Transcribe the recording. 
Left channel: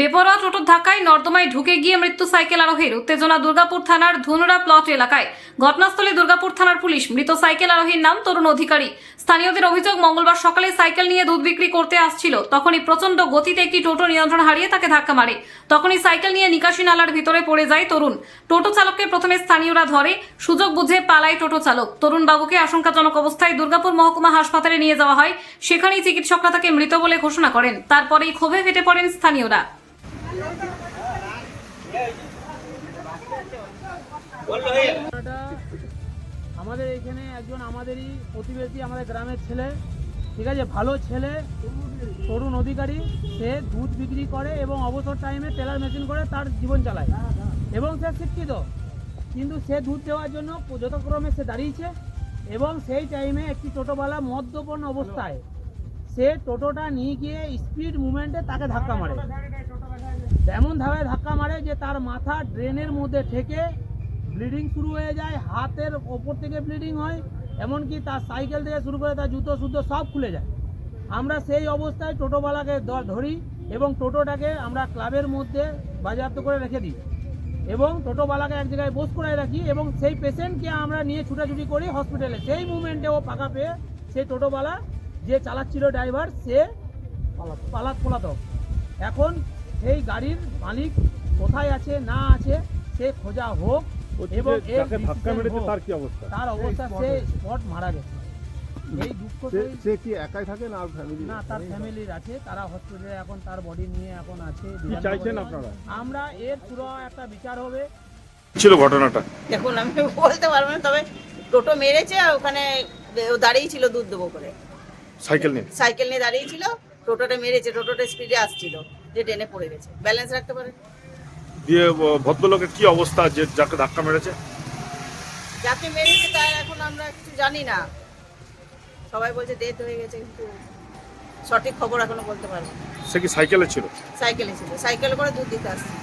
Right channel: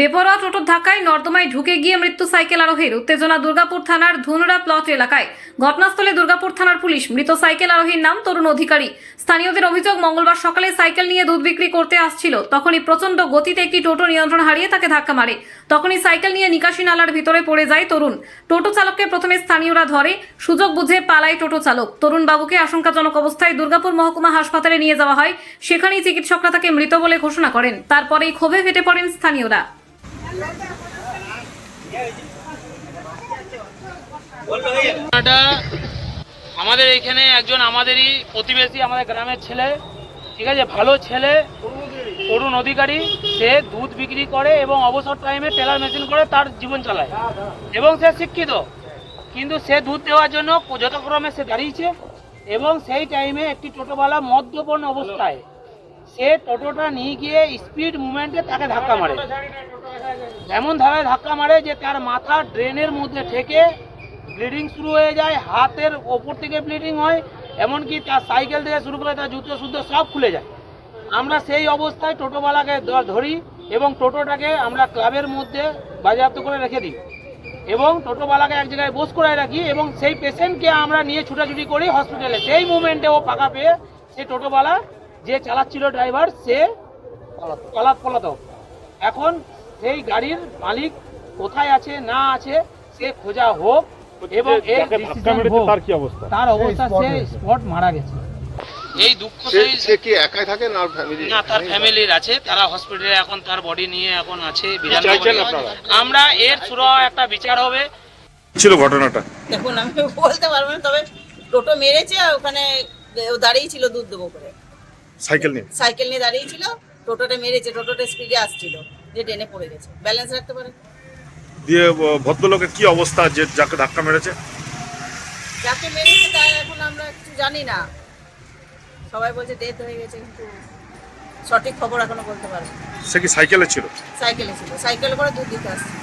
বেপরোয়া টোটোর ধাক্কায় নর্দমায় ঢুকে গিয়ে মৃত্যু সাইকেল আরোহীর। উত্তেজনা দুর্গাপুর থানার ধুনরা প্লট এলাকায়। ঘটনাস্থলে দুর্গাপুর থানার পুলিশ মৃত সাইকেল আরোহীর নাম তরুণ অধিকারী। স্থানীয়দের অভিযোগ মঙ্গলবার সকালে সাইকেল নিয়ে দুধ বিক্রি করতে আসছিল। তখনই প্রচণ্ড গতিতে একটি টোটো নিয়ন্ত্রণ হারিয়ে তাকে ধাক্কা মারে। তখনই সাইকেল নিয়ে নিকাশি নালার ভিতরে পড়ে যায় তরুণ। টোটো চালককে প্রথমে স্থানীয়রা ধরে, সুযোগ বুঝে পালায় টোটো চালক। তরুণ বাবুকে আশঙ্কাজনক অবস্থায় দুর্গাপুর মহকুমা হাসপাতালে নিয়ে যাওয়া হয়। সেখানেই চিকিৎসকরা তাকে মৃত বলে ঘোষণা করেন। তারপরেই ক্ষোভে ফেটে পড়েন স্থানীয়রা। আমাদের এখানে একজন আমাদেরই প্রতিবেশী, আমাদের গ্রামের ছেলে, ঠিক আছে? ভালো ছেলে, তরুণ অধিকারী, সে দুধ বিক্রি করে এবং অবসর টাইমে টেলার মেশিন করে তার জীবন চালায়। এবং সে শিক্ষিত, কিন্তু সে দুধ দেওয়ার জন্য যথাক্রমে সে দাঁড়িয়েছে এবং সেই টাইমে একটি টোটোওয়ালা মদ্যপন অবস্থায় সে টোটোটা নিয়ে গিয়ে স্পিড মুভমেন্টে তাকে ধাক্কা মারে। এমনভাবে ধাক্কা মারে যে তার মাথা ড্রেনের মধ্যে ঠেকে ব্লিডিং শুরু হয়ে যায়, হাতের ওপর থেকে ব্লিডিং হয়, এমনকি তার সাইকেল থেকে শুরু করে তার জুতো শুদ্ধ সব খুলে যায়। আমরা সেই অবস্থায় টোটোওয়ালাকে ধরি এবং টোটোটাকে আমরা ক্লাবের মধ্যে বাজেয়াপ্ত করে রেখে দিই এবং টোটোওয়ালাকে এক জায়গায় বোস করে রাখি এবং সেই পেশেন্টকে আমরা নিয়ে ছুটাছুটি করি হসপিটালে। সেই মুমেন্টে ও পাকা পেয়ে সেই টোটোওয়ালা যে চালাচ্ছিল ড্রাইভার সে পালাত, পলাতক। এখন সেই গাড়ির মালিক কোথায় আছে না আছে সে খোঁজা হোক এবং এর decision হোক। তার কি অবস্থা? তার অবস্থা সে স্পট মারা গেছে। এই দুঃখ সে সেই সে কি একাই থাকে না ফ্যামিলি না তার ফ্যামিলির আছে তারা হসপিটালে এখন তার বডি নিয়ে এখন আছে? আমরা এর সুরা একটা বিচার হবে। ছিল ঘটনাটা? দেখুন আমি বলতে পারব না তবে টোটো মেরেছে ওখানে দাঁড়িয়ে ছিল দুধ দেবো করে। সাইকেল নিয়ে? সাইকেল নিয়ে দাঁড়িয়ে ছিল টোটোটা মেরেছে টোটোটা স্পিডে আসছিল। যে টেনে পড়ে গেছে। ব্যালেন্স রাখতে পারে দিয়ে ভদ্রলোকের কি অবস্থা যে যাকে ধাক্কা মেরেছে? যাকে মেরেছে তাই এখন আমরা কিছু জানি না। সবাই বলছে ডেথ হয়ে গেছে কিন্তু সঠিক খবর এখনও বলতে পারব সে কি সাইকেলে ছিল? সাইকেলে ছিল। সাইকেলে করে দুধ দিতে আসছিল